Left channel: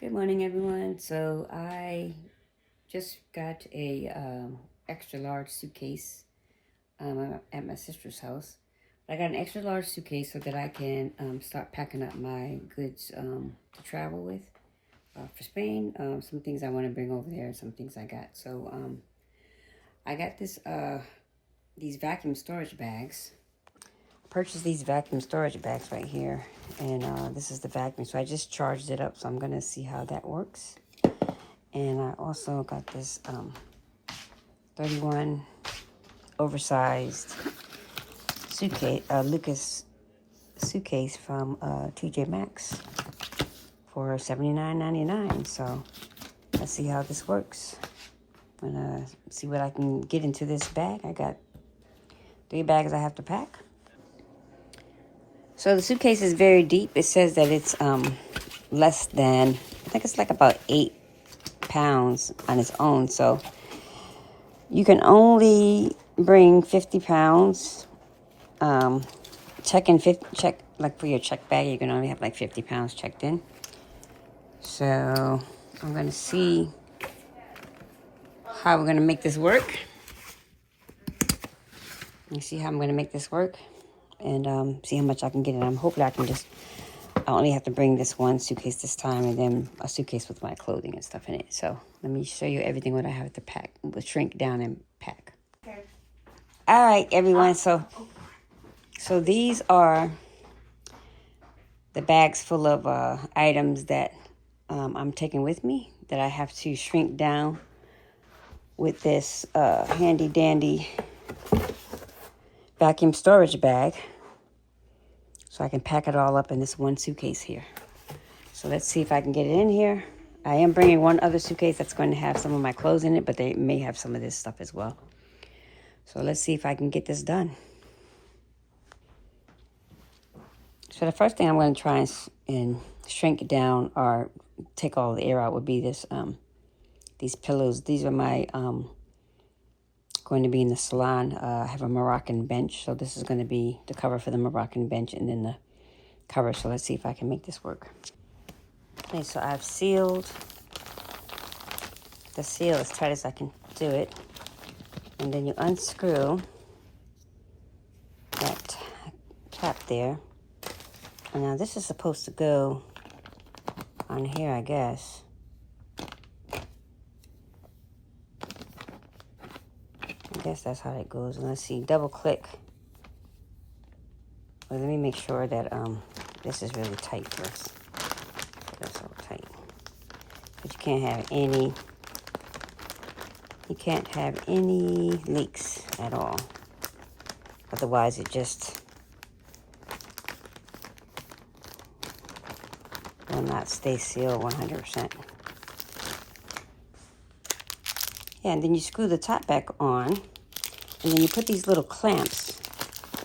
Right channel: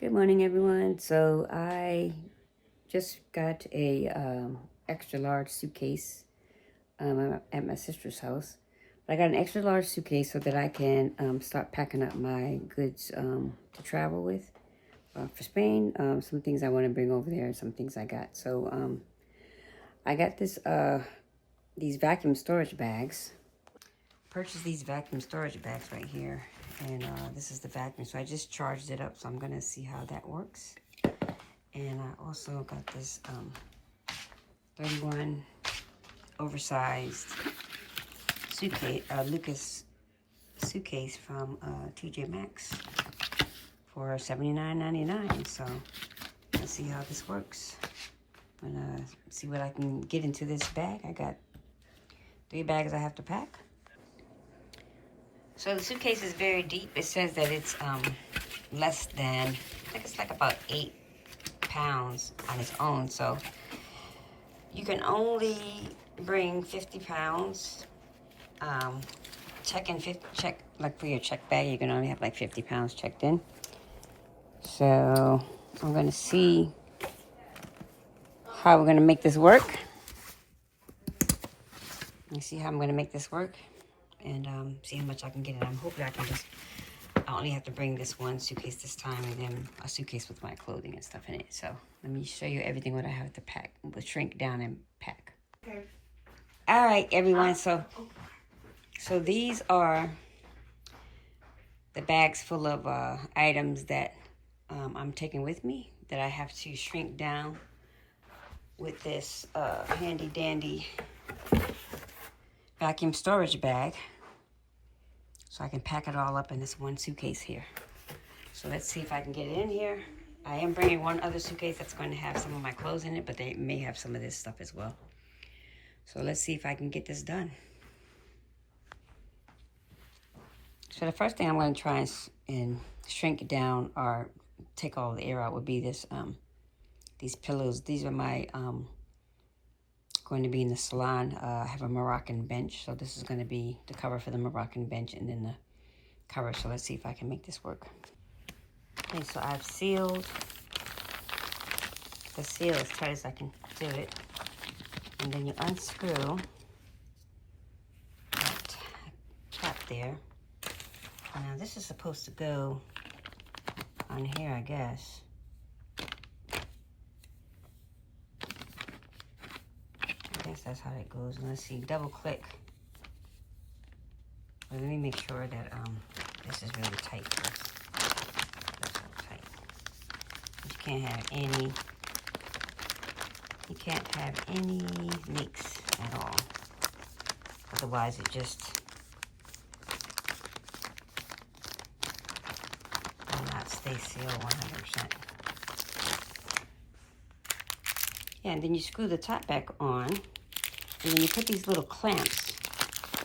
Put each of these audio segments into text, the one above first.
Good morning, everyone. So I just got a extra large suitcase at my sister's house. I got an extra large suitcase so that I can start packing up my goods to travel with for Spain. Some things I want to bring over there, and some things I got. So I got these vacuum storage bags. Purchased these vacuum storage bags right here, and this is the vacuum. So I just charged it up, so I'm gonna see how that works. And I also got this 31 oversized suitcase, Lucas suitcase from TJ Maxx for $79.99. So let's see how this works. I'm gonna see what I can get into this bag. I got 3 bags I have to pack. So the suitcase is very deep. It says that it's less than, I think it's like about 8 pounds on its own. So you can only bring 50 pounds. Check like for your check bag, you can only have like 50 pounds checked in. So I'm gonna see how we're gonna make this work. And see how I'm gonna make this work, and see how much I can get in. I'm hoping I only have to bring this one suitcase this time, and then a suitcase with my clothing and stuff in it. So let me show you everything what I have to pack. We'll shrink down and pack. Okay. All right, everyone. So these are the bags full of items that I'm taking with me that I have to shrink down with this handy dandy vacuum storage bag, so I can pack it all up in this one suitcase here. So let's see if I can get it in here. I am bringing one other suitcase that's going to have some of my clothes in it, but they may have some of this stuff as well. So let's see if I can get this done. So the first thing I'm going to try and shrink it down or take all the air out would be these pillows. These are my going to be in the salon. I have a Moroccan bench, so this is going to be the cover for the Moroccan bench and then the cover. So let's see if I can make this work. Okay, so I've sealed the seal as tight as I can do it, and then you unscrew that cap there. And now this is supposed to go on here, I guess. I guess that's how it goes. And let's see, double click. Well, let me make sure that this is really tight first. That's all tight. But you can't have any leaks at all. Otherwise it just will not stay sealed 100%. Yeah, and then you screw the top back on, and then you put these little clamps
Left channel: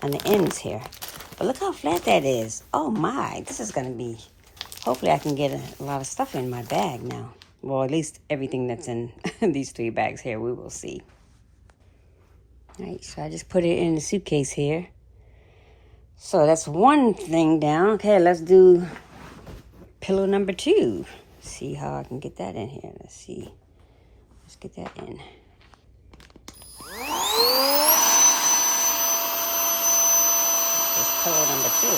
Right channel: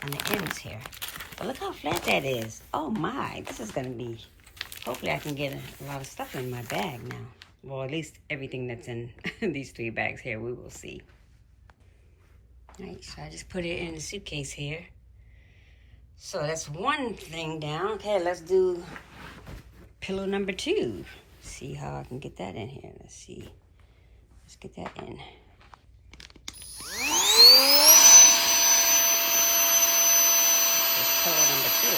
on the ends here. But look how flat that is. Oh my, this is gonna be, hopefully I can get a lot of stuff in my bag now. Well, at least everything that's in these 3 bags here, we will see. All right, so I just put it in the suitcase here. So that's one thing down. Okay, let's do pillow number 2. See how I can get that in here. Let's see. Let's get that in. This pillow number 2.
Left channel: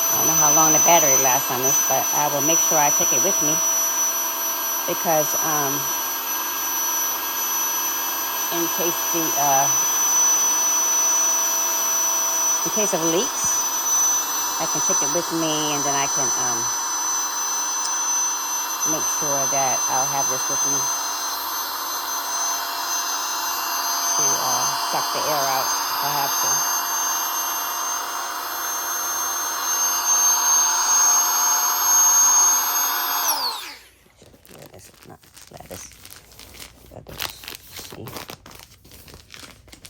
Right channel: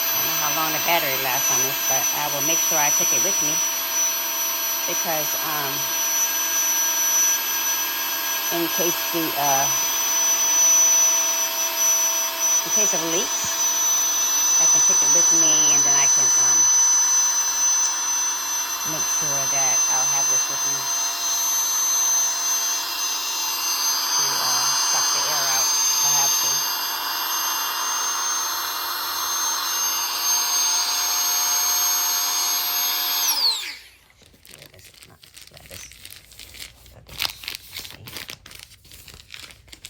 I don't know how long the battery lasts on this, but I will make sure I take it with me, because in case of leaks, I can take it with me, and then I can make sure that I'll have this with me to suck the air out if I have to. Yeah, this is not the flattest.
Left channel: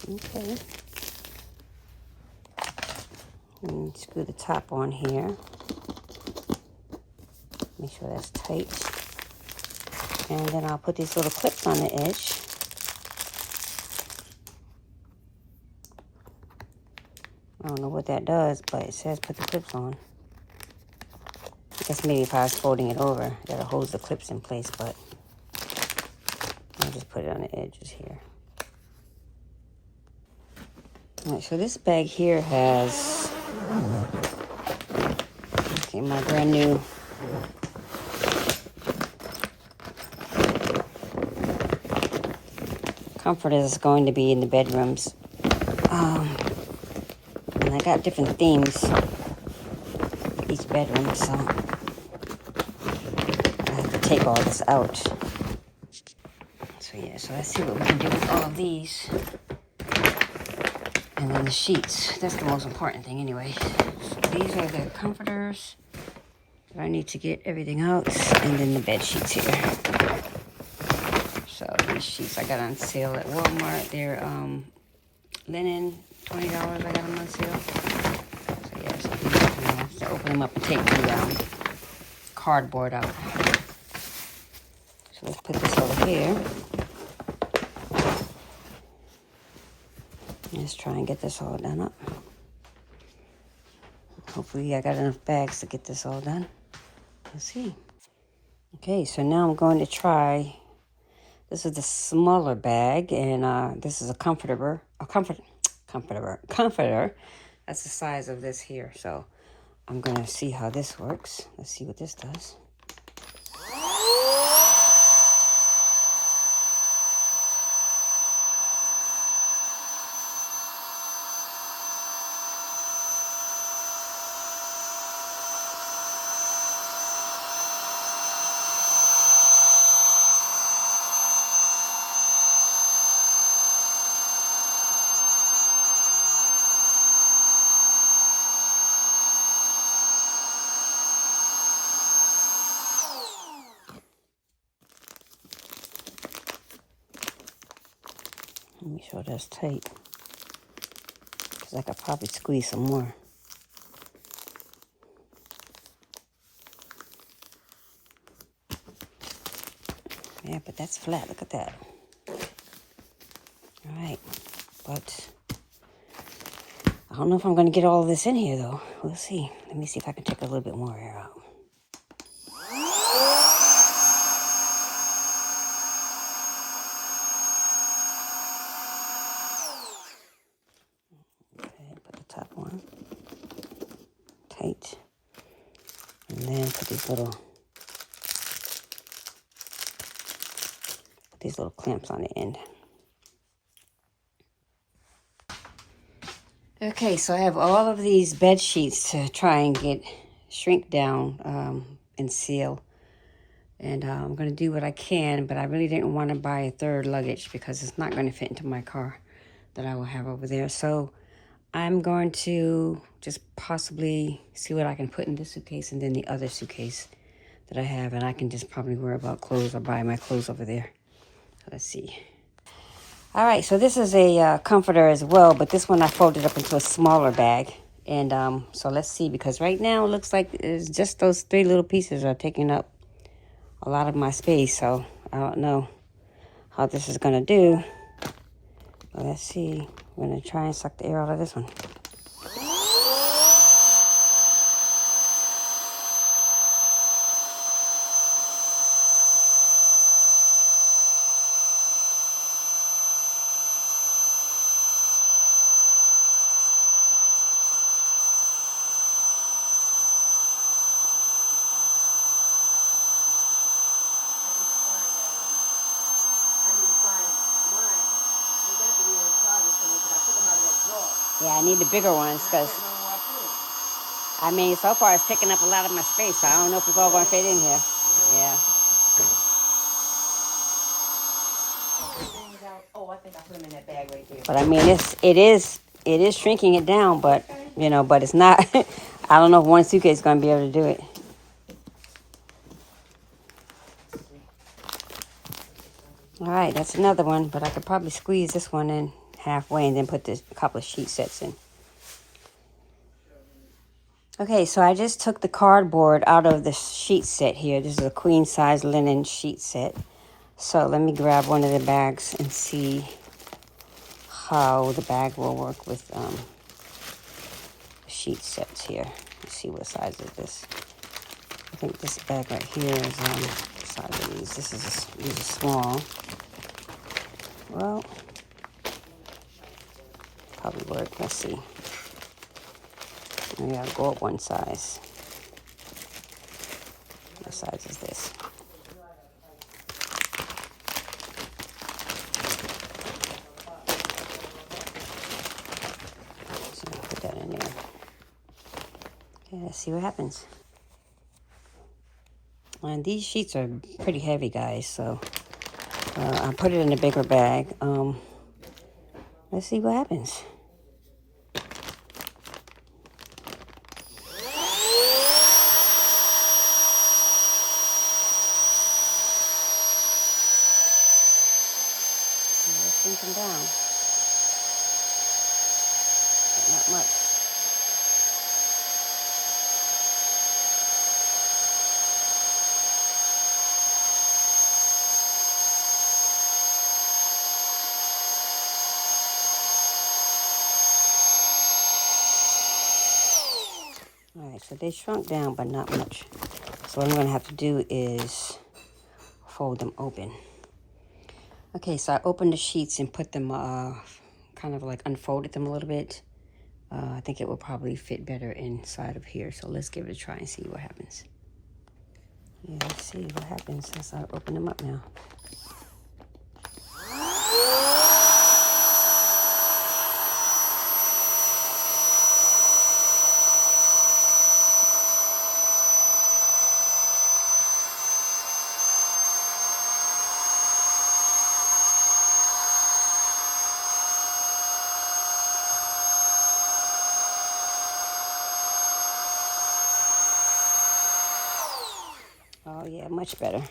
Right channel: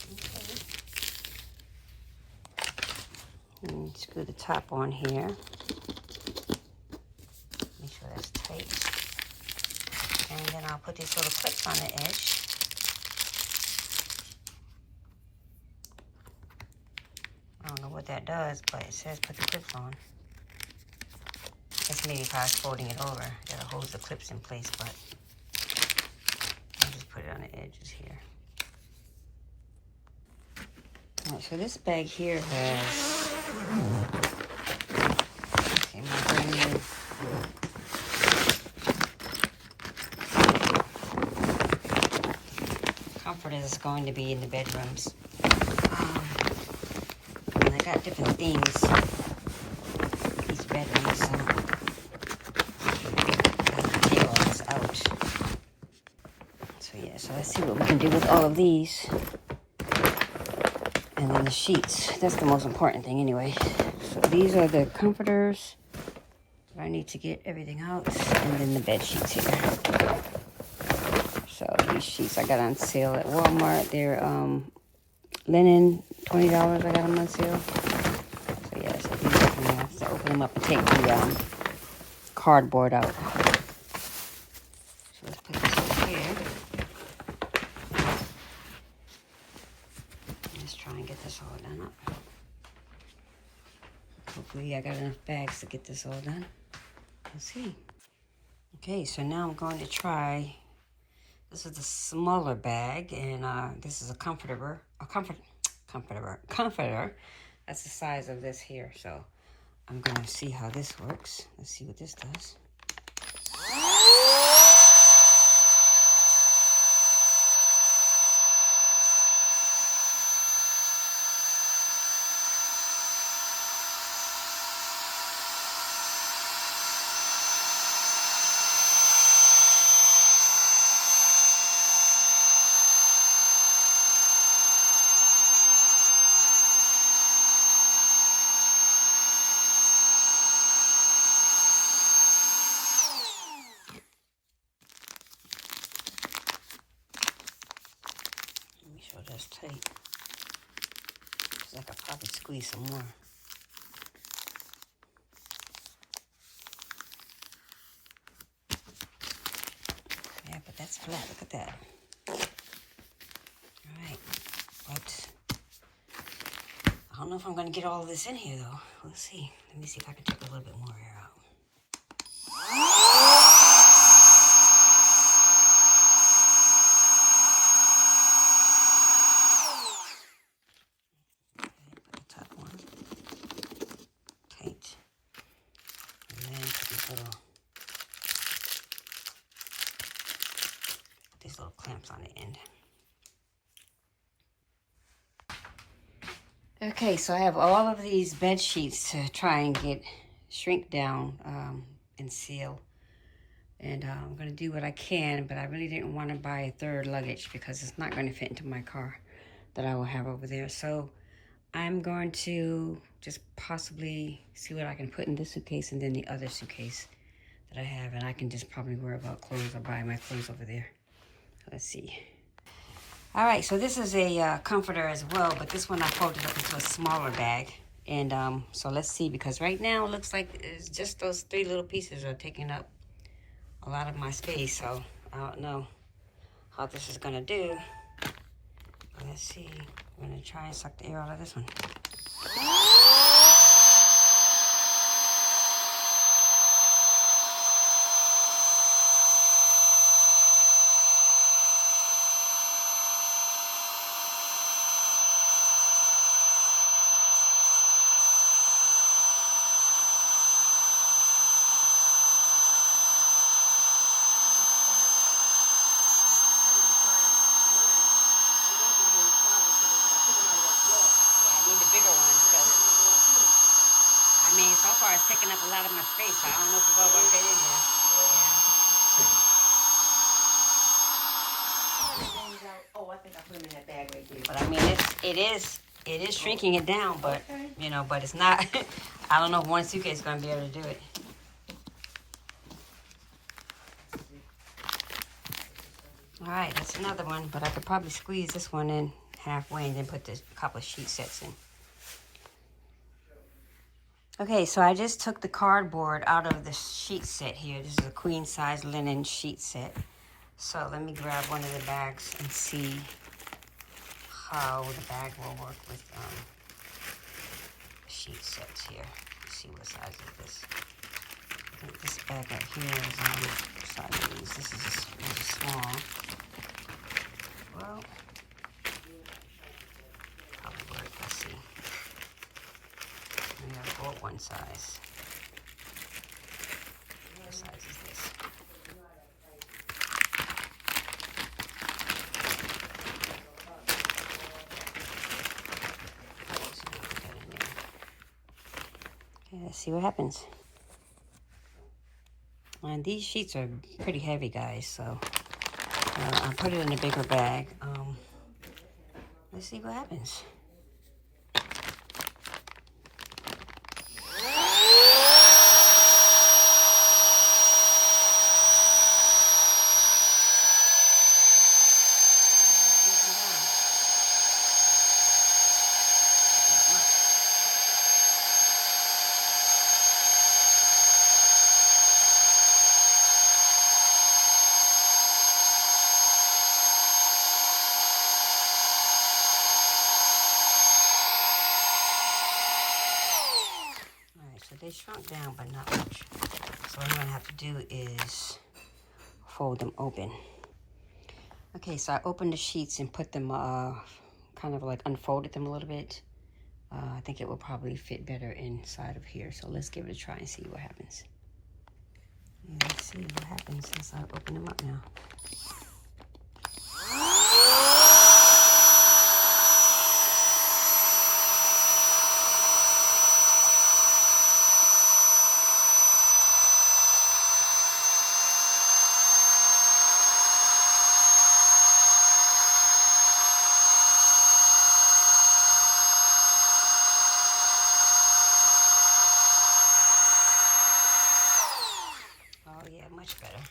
Okay. And screw the top on here. Make sure that's tight. And then I'll put these little clips on the edge. I don't know what that does, but it says put the clips on. Just maybe if I was folding it over, that'll hold the clips in place, but I'll just put it on the edges here. All right, so this bag here has, okay, my brand new comforter is going to be in the bedrooms. And I got different themes for each bedroom, so I have to take all this out. So yeah, so let's see what we can do with all of these. And then the sheets, that's the most important thing anyway. So these are the comforters. I need to get everything out. And then the bed sheets here. So these sheets I got on sale at Walmart. They're linen, $20 I got them on sale. So yeah, so these I have to open them up and take the cardboard out. So let's put this over here. Let's try and get this all done up. Hopefully I got enough bags to get this all done. Let's see. Okay, so now I'm going to try. This is the smaller bag, and this is a comforter. That's the size of this here. So I'm going to see how this works. Let's see what this does. Let me sure that's tight. Because I could probably squeeze some more. Yeah, but that's flat. Look at that. All right. But I don't know if I'm going to get all of this in here, though. We'll see. Let me see if I can take a little bit more air out. And then put these little clamps on the end. Okay, so I have all of these bed sheets to try and shrink down and seal. And I'm going to do what I can, but I really didn't want to buy a third luggage because it's not going to fit into my car that I will have over there. So I'm going to just possibly see what I can put in this suitcase and then the other suitcase that I have. And I can just probably worry about clothes or buy my clothes over there. So let's see. All right, so this is a comforter as well, but this one I folded up into a smaller bag. And so let's see, because right now it looks like it's just those three little pieces are taking up a lot of my space. So I don't know how this is going to do. But let's see. I'm going to try and suck the air out of this one. Yeah, I need the bigger ones because, I mean, so far it's taking up a lot of my space, so I don't know if it's all going to fit in here. Yeah. Oh, I think I put them in that bag right there. But I mean, it is shrinking it down, but, you know, but it's not, I don't know if one suitcase is going to be able to do it. All right, that's another one, but I could probably squeeze this one in halfway and then put a couple of sheet sets in. Okay, so I just took the cardboard out of the sheet set here. This is a queen size linen sheet set. So let me grab one of the bags and see how the bag will work with sheet sets here. Let's see what size is this. I think this bag right here is size. These are small. Well, probably work. Let's see. Maybe I'll go up one size. What size is this? So put that in there. Okay, let's see what happens. And these sheets are pretty heavy, guys, so I put it in a bigger bag. Let's see what happens. Let's sink them down. But not much. Alright, so they shrunk down, but not much. So what I'm going to have to do is fold them open. Okay, so I opened the sheets and put them, kind of like unfolded them a little bit. I think it will probably fit better inside of here. So let's give it a try and see what happens. Yeah, let's see what happens as I open them up now. Oh yeah, much better.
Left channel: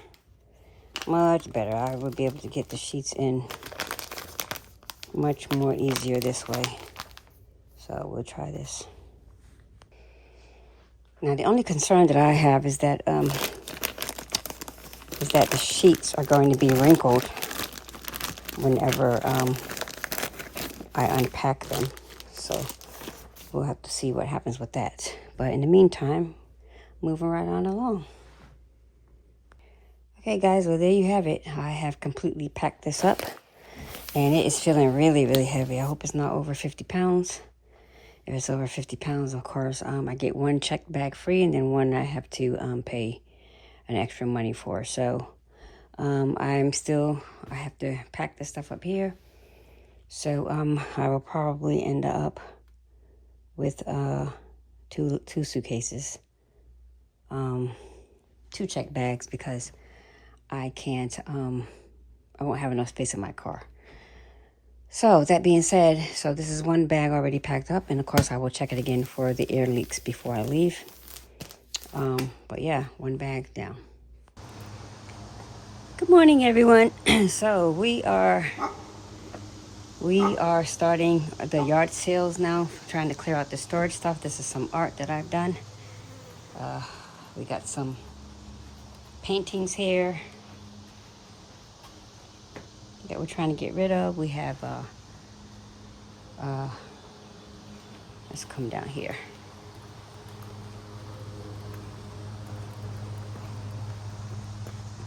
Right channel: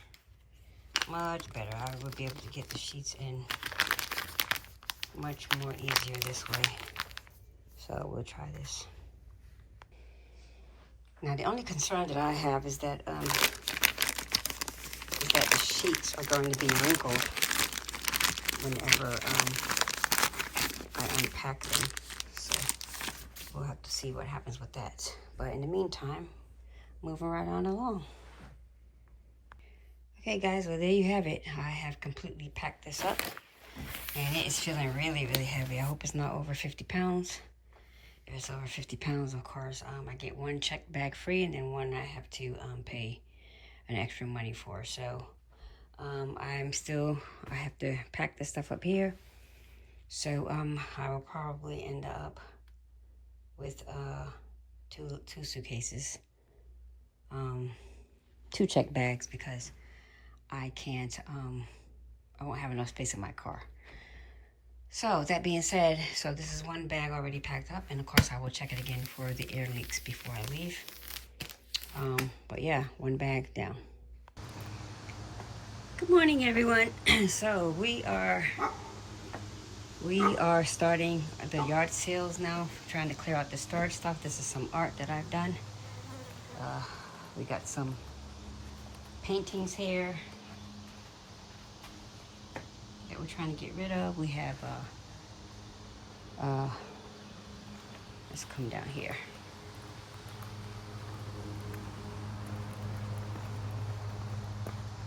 Much better. I will be able to get the sheets in much more easier this way. So we'll try this. Now the only concern that I have is that the sheets are going to be wrinkled whenever I unpack them. So we'll have to see what happens with that. But in the meantime, moving right on along. Okay guys, well there you have it. I have completely packed this up and it is feeling really, really heavy. I hope it's not over 50 pounds. If it's over 50 pounds, of course, I get one checked bag free and then one I have to pay an extra money for. So I have to pack this stuff up here. So I will probably end up with two suitcases, 2 check bags because I can't, I won't have enough space in my car. So that being said, so this is one bag already packed up, and of course I will check it again for the air leaks before I leave. But yeah, one bag down. Good morning, everyone. So we are starting the yard sales now, trying to clear out the storage stuff. This is some art that I've done. We got some paintings here that we're trying to get rid of. We have, let's come down here.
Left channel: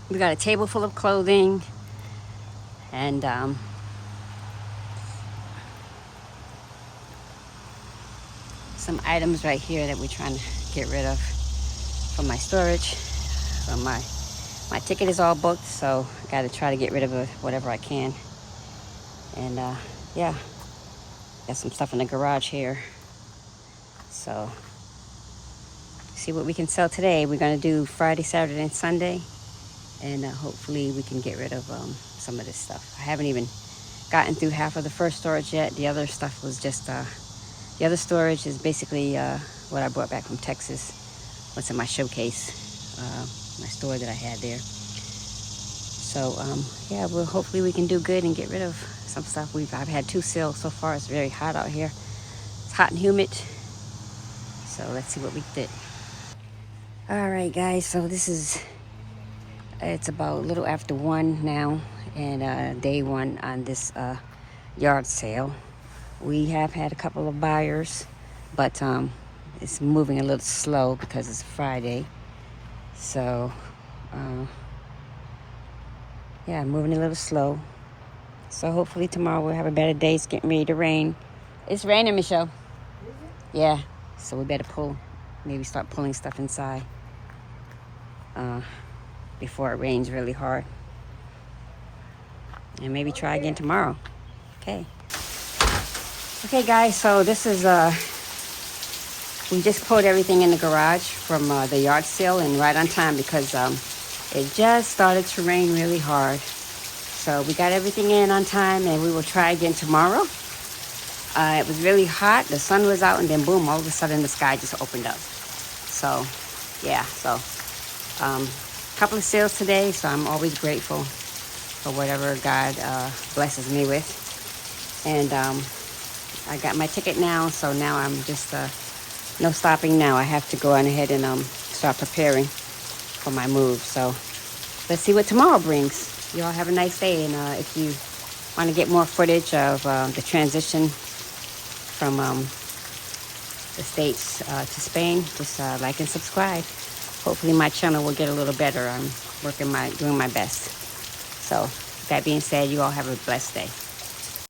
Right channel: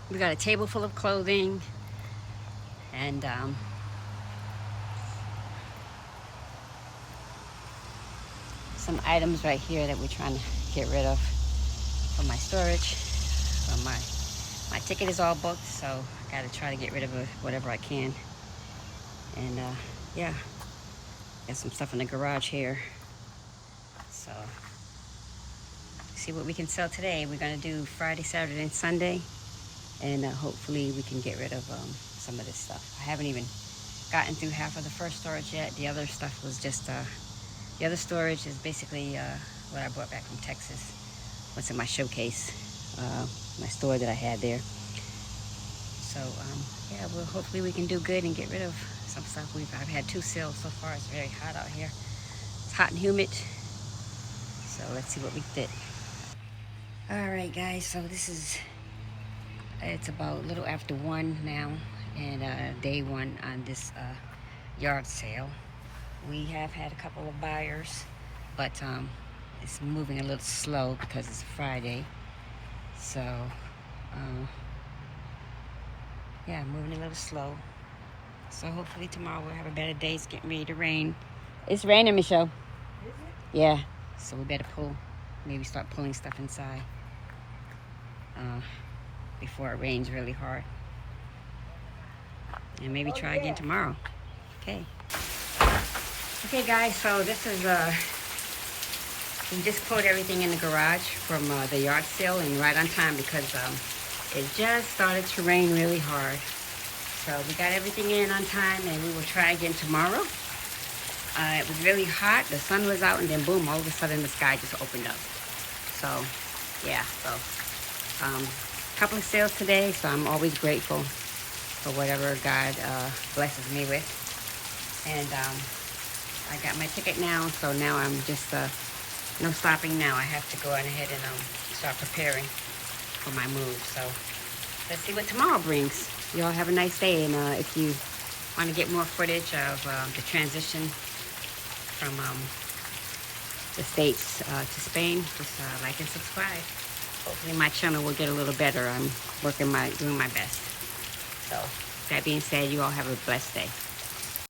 We got a table full of clothing and some items right here that we're trying to get rid of from my storage. So my ticket is all booked, so I got to try to get rid of whatever I can. And yeah, got some stuff in the garage here. So see what we can sell today. We're gonna do Friday, Saturday, and Sunday, and hopefully we can get rid of some of this stuff. I haven't even gotten through half of the first storage yet. The other stuff was just the other storage is basically what I brought back from Texas. What's in my showcase, my store that I had there. So yeah, well, hopefully we can do good and get rid of some stuff. I've had 2 sales so far. It's very hot out here. It's hot and humid. So let's see what we did. All right, guys. So it's about a little after 1 now, and day 1 on this yard sale. We have had a couple of buyers, but it's moving a little slow because it's Friday. So, yeah, moving a little slow. So hopefully tomorrow we'll have a better day. It's getting ready to rain. It's raining, Michelle. Yeah, so we better maybe start pulling stuff inside before it rains really hard. And maybe try again tomorrow. Okay. Okay, guys, so this is, we just pulled everything in the garage from the yard sale, and right on time because it just started to rain really hard. So we got everything in on time, and we will try again tomorrow. It was really hot. The sun was out, and then boom, all of a sudden the sky just opened up. So, yeah, so couple of sales today, so I'm always grateful for whatever God blesses me with. And I got my ticket now, so now I'm just no stopping now. I have to go on ahead and start preparing for my move. So let's see what tomorrow brings. You all have a nice day, and if you want to get more footage of the transition from the States to Spain, just like and subscribe. Hopefully my channel will get a little better. I'm doing my best. So that being said, you all have a blessed day.